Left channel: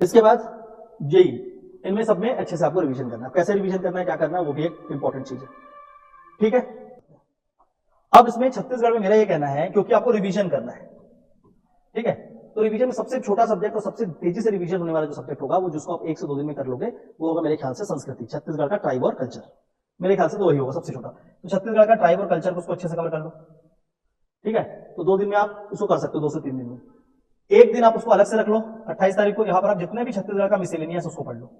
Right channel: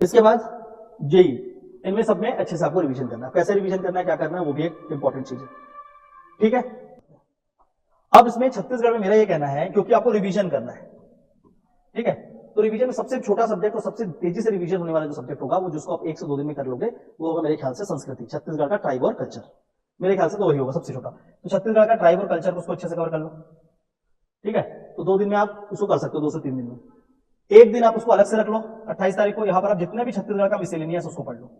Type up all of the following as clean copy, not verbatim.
इसके बाद जेई, इनमें सब में अच्छे से आपको रिवीजन करना है। कैसे रिवीजन करना है, क्या करना है, वो भी एक इंपॉर्टेंट चीज है। ठीक है, अब इसमें छत्तीसगढ़ में मेरा ये कहना है, क्योंकि आपको रिवीजन करना है, ठीक है, तो रिवीजन में सबसे छोटा सब्जेक्ट और सबसे तेजी से रिवीजन होने वाला जो सब्जेक्ट होगा, वो जिसको आप 1 से 2 दिन में कर लोगे, वो होगा मेरे ख्याल से संस्कृति, छत्तीसगढ़ का ट्राइब और कल्चर। मेरे ख्याल से तो वही होगा सबसे छोटा। तो छत्तीसगढ़ का ट्राइब और कल्चर को उसको अच्छे से कवर कर लो। ठीक है, तो 2 दिन में आप उसको कर सकते हो, 2 से 3 दिन में। एक दिन आप उसको अलग से रख लो, 28 तारीख को यहां पर आप जितने भी छत्तीसगढ़ का मिसेलेनियस उसको पढ़ लो,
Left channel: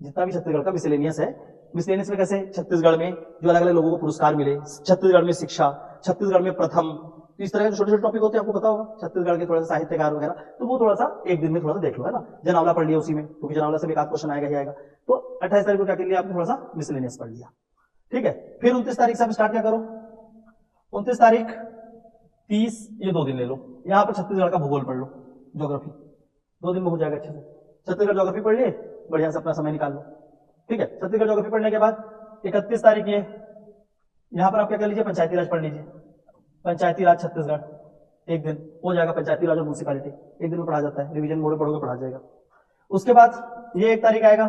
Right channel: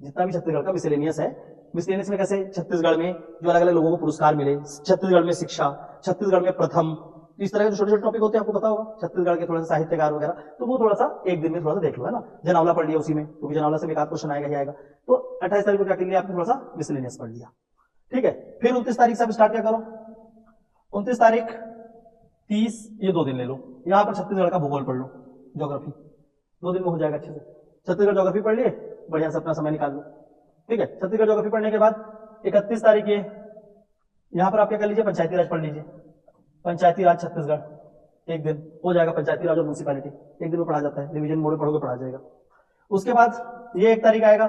जितना भी छत्तीसगढ़ का मिसेलेनियस है। मिसेलेनियस में कैसे छत्तीसगढ़ में जो अलग अलग लोगों को पुरस्कार मिले, छत्तीसगढ़ में शिक्षा, छत्तीसगढ़ में प्रथम, इस तरह के छोटे छोटे टॉपिक होते हैं, आपको पता होगा छत्तीसगढ़ के थोड़ा सा साहित्यकार वगैरह, तो वो थोड़ा सा एक दिन में थोड़ा सा देख लो, है ना। जनावला पढ़ लिया उसी में, क्योंकि जनावला से एक आध क्वेश्चन आएगा ही आएगा। तो 28 तारीख को क्या कर लिया आपने, थोड़ा सा मिसेलेनियस पढ़ लिया। ठीक है, फिर 29 तारीख से आप स्टार्ट क्या करो, 29 तारीख 30, ये 2 दिन ले लो। यहाँ पर छत्तीसगढ़ का भूगोल पढ़ लो, ज्योग्राफी, 2 दिन में हो जाएगा अच्छे से। छत्तीसगढ़ ज्योग्राफी पढ़ लिए, बढ़िया से अपना समय निकाल लो। ठीक है, छत्तीसगढ़ ज्योग्राफी पढ़ने के बाद 31 तारीख ये यहाँ पर आप क्या कर लीजिए, पंचायती राज पढ़ लीजिए। पंचायती राज छत्तीसगढ़, एक दिन हो जाएगा। पंचायती राज और म्यूनिसिपैलिटी एक दिन में पढ़ा जाता है, रिवीजन मोड में पढ़ोगे पढ़ा जाएगा। उसके बाद ये 1 तारीख आएगा।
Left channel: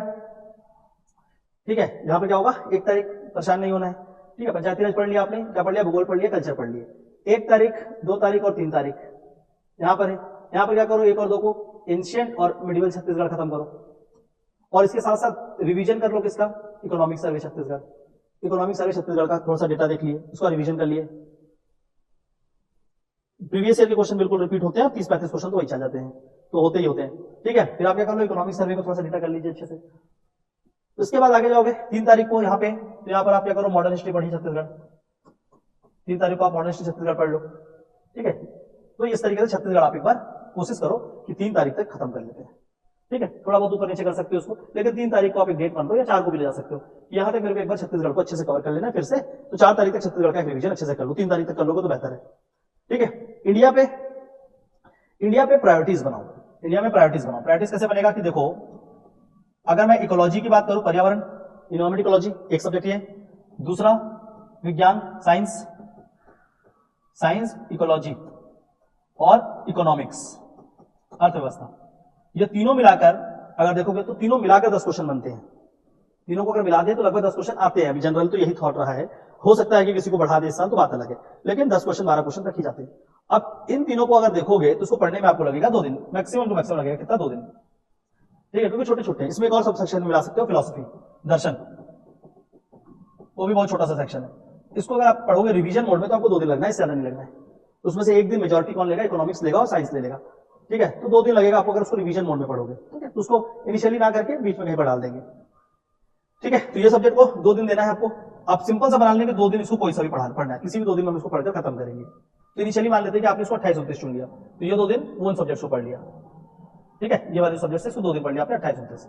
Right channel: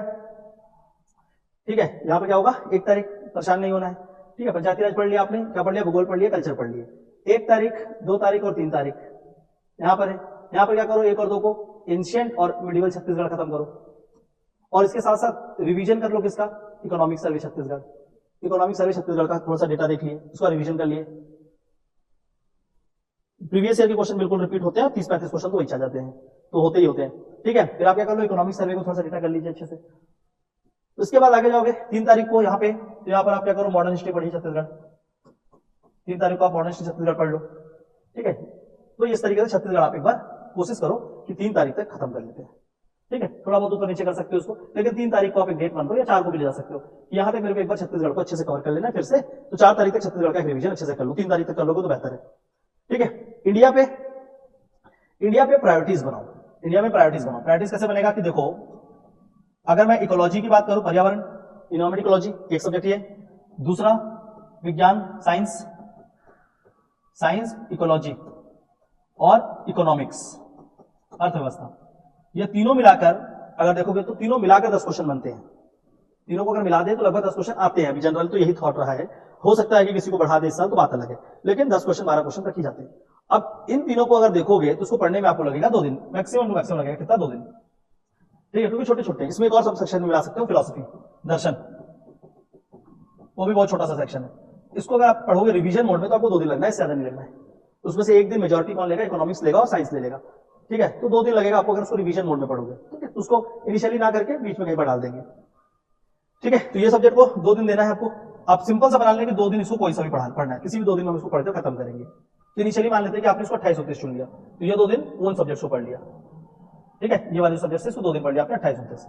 ठीक है, यहाँ पे क्या होगा, 1 तारीख परेशान नहीं होना है। ठीक है, पंचायती राज पढ़ लिया आपने, क्या पढ़ लिया, भूगोल पढ़ लिया, कल्चर पढ़ लिए। 1 तारीख, 2 तारीख और 3 तारीख यहाँ पर है। यहाँ पर क्या करो, 1 और 2 को एंशिएंट और मिडिवल छत्तीसगढ़ खत्म करो, और इसके साथ साथ रिवीजन कर लो किसका, economic survey Chhattisgarh. Economic survey Chhattisgarh का थोड़ा सा डेटा देख लिए, उसका रिवीजन कर लिए। प्रीवियस ईयर के क्वेश्चन बिल्कुल रिपीट होते हैं, 30-35 क्वेश्चन तो वही आ जाते हैं, तो होते ही होते हैं। ठीक है, फिर आप क्या कर लो, इकोनॉमिक सर्वे को थोड़ा सा डेटा कर लीजिए अच्छे से। उसके बाद आगे जाओगे 3 तारीख को यहाँ पे, तो यहाँ पर आप क्या करो, मॉडर्न हिस्ट्री पढ़िए छत्तीसगढ़। 3 तारीख को आप मॉडर्न हिस्ट्री छत्तीसगढ़ पढ़ लो। ठीक है, तो इस तरीके से छत्तीसगढ़ आप एक बार कोशिश करो कि 3 तारीख तक खत्म कर लेते हैं। ठीक है, थोड़ा बहुत ऊपर नीचे कर सकते हो उसको, लेकिन 3 तारीख को आप एक डेट मान लो, या 4 को भी ले जा सकते हो कि यहाँ तक मेरे को एक बार छत्तीसगढ़ को अच्छे से कवर कर लेना है फिर से। तो 4 तारीख तक छत्तीसगढ़ का एक रिवीजन अच्छे से कर लो, 3 तारीख तक कर लोगे तो बेहतर है। ठीक है, इंडिया पे प्रायोरिटीज बनाओ। इंडिया में प्रायोरिटीज बनाओ। प्रायोरिटीज कैसे बनेगा कि देखो, अगर मैं इकोलॉजी की बात करूं, पर्यावरण, इन्वायरमेंट इकोलॉजी एक सब्जेक्ट ये, दूसरा विज्ञान, साइंस इकोलॉजी और इकोनॉमिक्स, अर्थव्यवस्था, ये तीनों मिलाकर अगर देखोगे तो तीनों मिलाकर 10 क्वेश्चन बनते हैं। तीनों को अगर मिला दे तो लगभग 10 क्वेश्चन आते हैं। अभी जनरल तो यही थॉट रहा है, हो सकता है कि किसी को बढ़ा दे इस साल तो बात अलग है, लेकिन 10 क्वेश्चन 12 क्वेश्चन तक ही जाते हैं। अब इन तीनों को अगर देखोगे तो उसको पढ़ने में आपको लगेगा 2 दिन, मैक्सिमम टू मैक्सिमम लगेगा कितना, 2 दिन। ठीक है, क्योंकि छोटे छोटे, इसमें एक और सब सेक्शन में मिला सकते हो, फिलोसफी, दर्शन, वो भी बहुत छोटा सा सेक्शन है। इसको अगर आप पढ़ोगे रिवीजन मोड में तो आपको 2 दिन लगना है, इससे ज्यादा नहीं लगना है। उसमें से एक दिन मेजोरिटी कौन लेगा, इकोनॉमिक्स लेगा और साइंस ले लेगा। ठीक है, तो 2 दिन लगेगा आपको अगर उसको रिवीजन मोड में पढ़ोगे। ठीक है, तो उसको इनिशियली ना करके बीच में कहीं पर डाल देंगे। ठीक है, तो ये सब्जेक्ट को 2 दिन देना है आपको। आप सिंपल सा बना लेंगे 2 दिन इसको कोई सा भी पढ़ना है, किसी भी 2 दिन में हम इसको पढ़कर खत्म करेंगे। तो इनिशियली मान लेते हैं कि आपने इसको 28-29 चुन लिया, तो ये 2 दिन वो सब्जेक्ट को पढ़ लिया। ठीक है, ये वाले सब्जेक्ट से इसको 2 दिन पढ़ लिया आपने 28-29।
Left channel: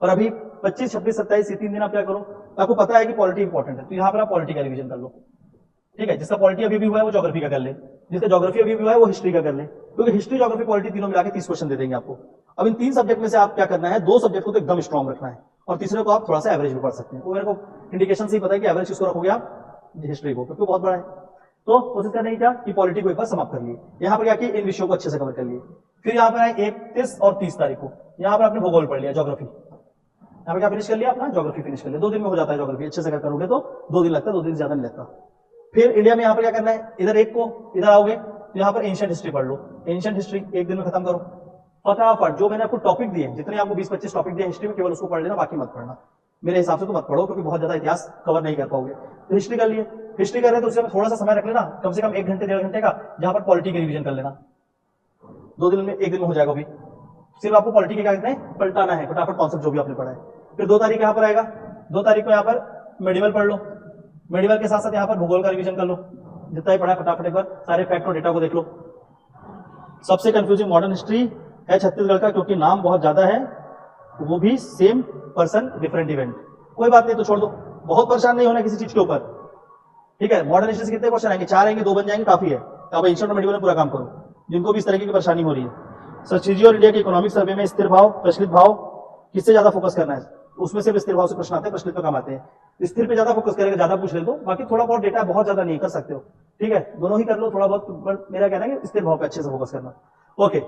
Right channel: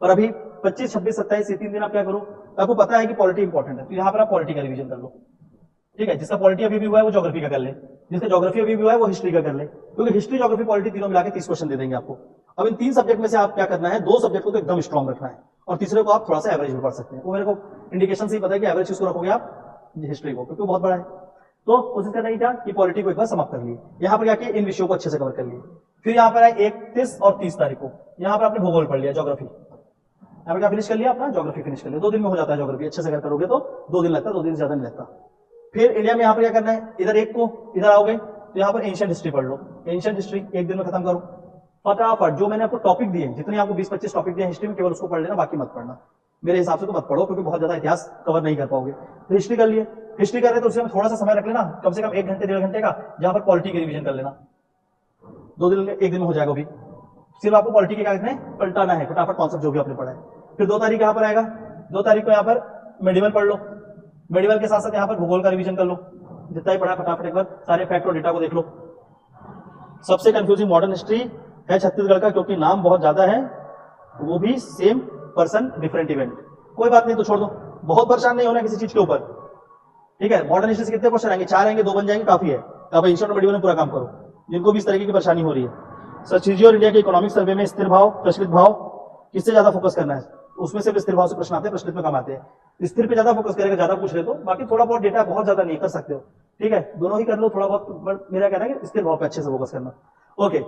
और अभी 25, 26, 27 ये 3 दिन आप क्या करो, आपको पता है कि पॉलिटी इंपॉर्टेंट है, तो यहाँ पर आप पॉलिटी का रिवीजन कर लो। ठीक है, जिसका पॉलिटी अभी भी हुआ है वो ज्योग्राफी का कर ले, जिसका ज्योग्राफी अभी भी हुआ है वो हिस्ट्री का कर ले, क्योंकि हिस्ट्री, ज्योग्राफी, पॉलिटी तीनों मिलाकर 30 क्वेश्चन दे देंगे आपको। अब इन 3 सब्जेक्ट में से आप क्या करना है, 2 सब्जेक्ट को तो एकदम स्ट्रॉन्ग रखना है और तीसरे को आप थोड़ा सा एवरेज में पढ़ सकते हैं। वो मेरे को इंडिकेशन से ही पता है कि एवरेज किसको रखोगे आप, हिस्ट्री को, क्योंकि बहुत बड़ा है। तो कोशिश करना है क्या कि पॉलिटी को एक बार समाप्त कर लिए, यहाँ पर क्या किया, इन विषयों को अच्छे से कवर कर लिए। फिर यहाँ पर है 31 और 30 तारीख को, यहाँ पर आपने भूगोल पढ़ लिया, ज्योग्राफी, यहाँ पर क्या फिनिश कर लिया अपना, ज्योग्राफी फिनिश कर लिया। 2 दिन में हो जाता है ज्योग्राफी, अच्छे से करोगे तो 2 दिन लगता है, 2 दिन ज्यादा नहीं लगता। फिर इंडिया में यहाँ पर क्या करना है, इधर एक को इधर आओगे तो यहाँ पर एंशिएंट हिस्ट्री पढ़ लो। एंशिएंट हिस्ट्री एक दिन में खत्म करो फटाफट। जो मैंने आपको टॉपिक दिए, जितने आपको 20-25 टॉपिक दिए हिस्ट्री में, केवल उसको पढ़ लेना, बाकी मत पढ़ना। मेरे हिसाब से तो मत पढ़ो, क्योंकि बहुत ज्यादा इतिहास कवर नहीं कर पाओगे। तो हिस्ट्री कर लिए, हिस्ट्री कर रहे तो उसमें थोड़ा सा समय रख लेना, कम से कम 1 घंटे 1.5 घंटे का, जहां पर पॉलिटी की रिवीजन कर लेना। 2 दिन में, 1 दिन में हो जाएगा। भी सिर्फ आपको पॉलिटी के क्या करना है, पलटाना है फटाफट कॉन्सेप्ट जो भी आपने पढ़ा है। फिर 2 तारीख यहाँ पर आएगा, 2 तारीख को यहाँ पर मेडिवल पढ़ लो। मेडिवल के साथ साथ यहाँ पर भूगोल का रिवीजन कर लो, जितना ही पढ़ा फटाफट एक बार सारे फैक्ट और डेटा को देख लो। सबसे कंफ्यूजिंग मॉडर्न हिस्ट्री है छत्तीसगढ़ का, क्योंकि नाम बहुत ज्यादा है, वो भी सेम पर्सन डिफरेंट इवेंट। कोई बात नहीं, तो छोड़ दो, बहुत परेशान नहीं होना किसी चीज के ऊपर। ठीक है, मॉडर्न हिस्ट्री से कितने क्वेश्चन आएंगे, 4 आएंगे, 2 बन जाएंगे, काफी है। अब एंशिएंट और मेडिवल में पूरा काम करो, जिनको भी इस तरीके की परेशानी हो रही है। सचिजी और इंडिया के इकोनॉमिक सर्वे में स्थिर भाव, प्रचलित भाव, किससे ज्यादा फोकस करना है, उसमें से स्थिर भाव से प्रश्न आते हैं, प्रचलित में कम आते हैं। स्थिर पे ज्यादा फोकस करेगा, ज्यादा पूछ रहे तो, बाकी थोड़ा बहुत डेटा, बहुत ज्यादा नहीं कर सकते हो। ठीक है, दोनों ही कर लो थोड़ा बहुत, मेरा कहना है कि स्थिर भाव पे अच्छे से फोकस करना। ओके,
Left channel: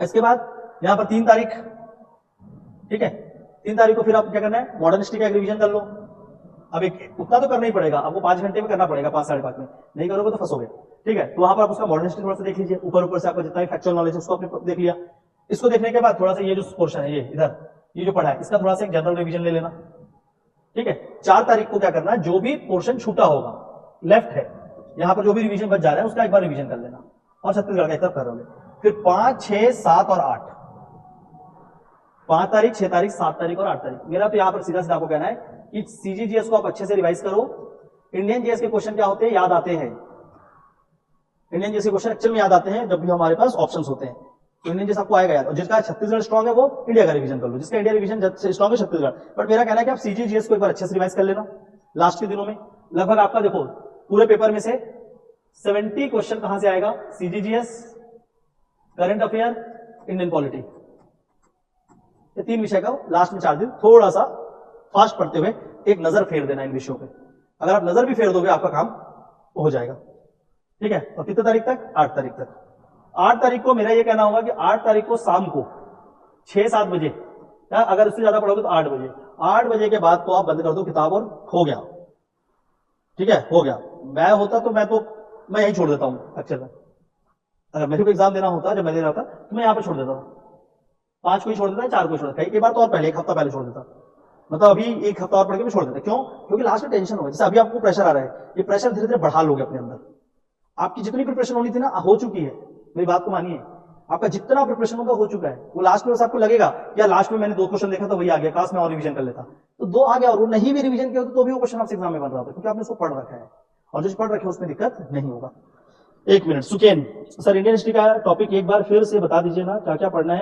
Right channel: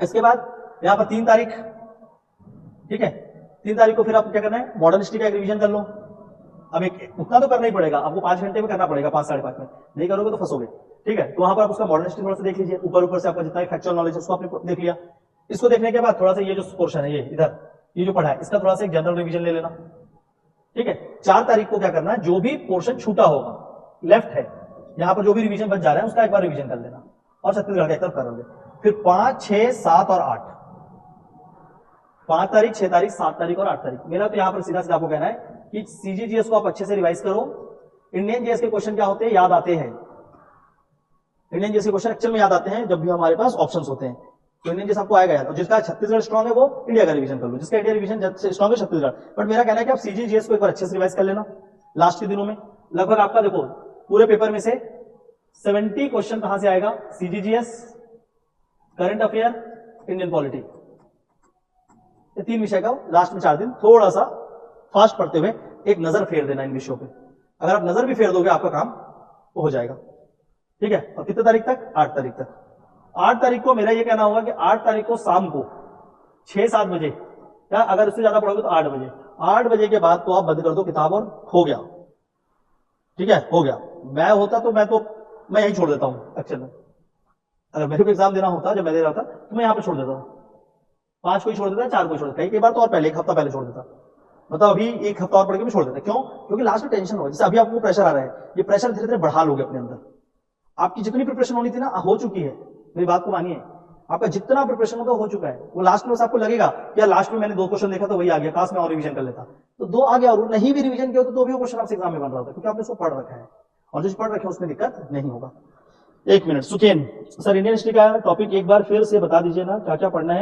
इसके बाद यहां पर 3 तारीख, ठीक है, 3 तारीख को फिर आप क्या करना है, मॉडर्न हिस्ट्री का एक रिवीजन कर लो। अब एक उतना तो करना ही पड़ेगा आपको, 5 घंटे में करना पड़ेगा, 5 साढ़े 5 में, नहीं करोगे तो फंसोगे, ठीक है। तो वहां पर आप उसका मॉडर्न हिस्ट्री थोड़ा सा देख लीजिए, ऊपर ऊपर से आपका जितना भी फैक्चुअल नॉलेज है उसको आपने देख लिया। इसको देखने के बाद थोड़ा सा ये जो पोर्शन है, ये इधर ये जो पढ़ा है, इसका थोड़ा सा एक जनरल रिवीजन ले लेना, ठीक है। 4 तारीख को क्या करना है, जो भी पोर्शन छूटा होगा, लेफ्ट है, यहां पर जो भी रिवीजन बच जा रहा है उसका एक बार रिवीजन कर लेना, और छत्तीसगढ़ का एक तरफ कर रहे हैं। फिर 5, 6, 7 और 8, 5 तारीख, 6 तारीख, 7 तारीख और 8 तारीख। मेरा तो यहां पर सीधा सीधा आपको कहना है कि सीजीजीएस को आप अच्छे से रिवाइज करो। इंडियन जीएस के क्वेश्चन क्या होते हैं, याद आते हैं। इंडियन जीएस के क्वेश्चन एक्चुअल में याद आते हैं जब भी हमारे पास ऑप्शंस होते हैं, तो इंडियन जीएस आपको आएगा याद। और जिसका छत्तीसगढ़ स्ट्रॉन्ग है वो इंडिया का रिवीजन कर लो, जिसका इंडिया रिवीजन स्ट्रॉन्ग है छत्तीसगढ़। बट मेरा कहना है कि आप सीजीजीएस को एक बार अच्छे से रिवाइज कर लेना लास्ट के दिनों में। लगभग आपका देखो पूरे पेपर में से 70 क्वेश्चन कहां से आएगा, CGGS, current affair, Indian polity, ये 3 विषय का लास्ट में 4 दिन थोड़ा सा फास्ट पढ़ते हुए एक नजर फेर देना इन विषयों पे। अगर आप नजर भी फेर दोगे आपका काम हो जाएगा, ठीक है। और कितने तारीख तक, 8 तारीख तक। 8 तारीख को मेरा ये कहना होगा कि 8 तारीख को शाम को 6-7 बजे, या अगर उससे ज्यादा पढ़ोगे तो 8 बजे, 8 बजे के बाद तो आप बंद कर दो किताब और हो गया, ठीक है, हो गया। मैं होता तो मैं यही छोड़ देता हूं एक्चुअल में। अगर मेरे को एग्जाम देना होता, जब मैं दे रहा था तो मैं यहाँ पे छोड़ देता हूँ, 5 को ही छोड़ देता, 4 को ही छोड़ देता, कई बार तो और पहले 1 हफ्ता पहले छोड़ देता, मतलब अभी 1 हफ्ता और पढ़ के मैं छोड़ देता। क्यों? क्योंकि लास्ट में टेंशन होगी। जैसे अभी आपको प्रेशर आ रहा है, ये प्रेशर धीरे धीरे बढ़ा लोगे अपने अंदर। आपकी जितनी प्रिपरेशन होनी थी ना, हो चुकी है, मेरी बात को मानिए, आपका जितना प्रिपरेशन होगा हो चुका है। वो लास्ट में बस आपको लगेगा यार लास्ट में मैंने 2 क्वेश्चन देखा तो वही आ गया, काश मैं और रिवीजन कर लेता, तो 2 आ गया, और वो नहीं भी रिवीजन किया तो भी वो क्वेश्चन आपसे एग्जाम में बन रहा था, क्योंकि आपने उसको पढ़ रखा है, और जो पढ़ रखे उसमें दिक्कत नहीं होगा। 1 मिनट, सुकेन सर, इंडियन हिस्ट्री का टॉपिक एक बार फिर से बता दीजिए ना, क्या क्या पढ़ना है।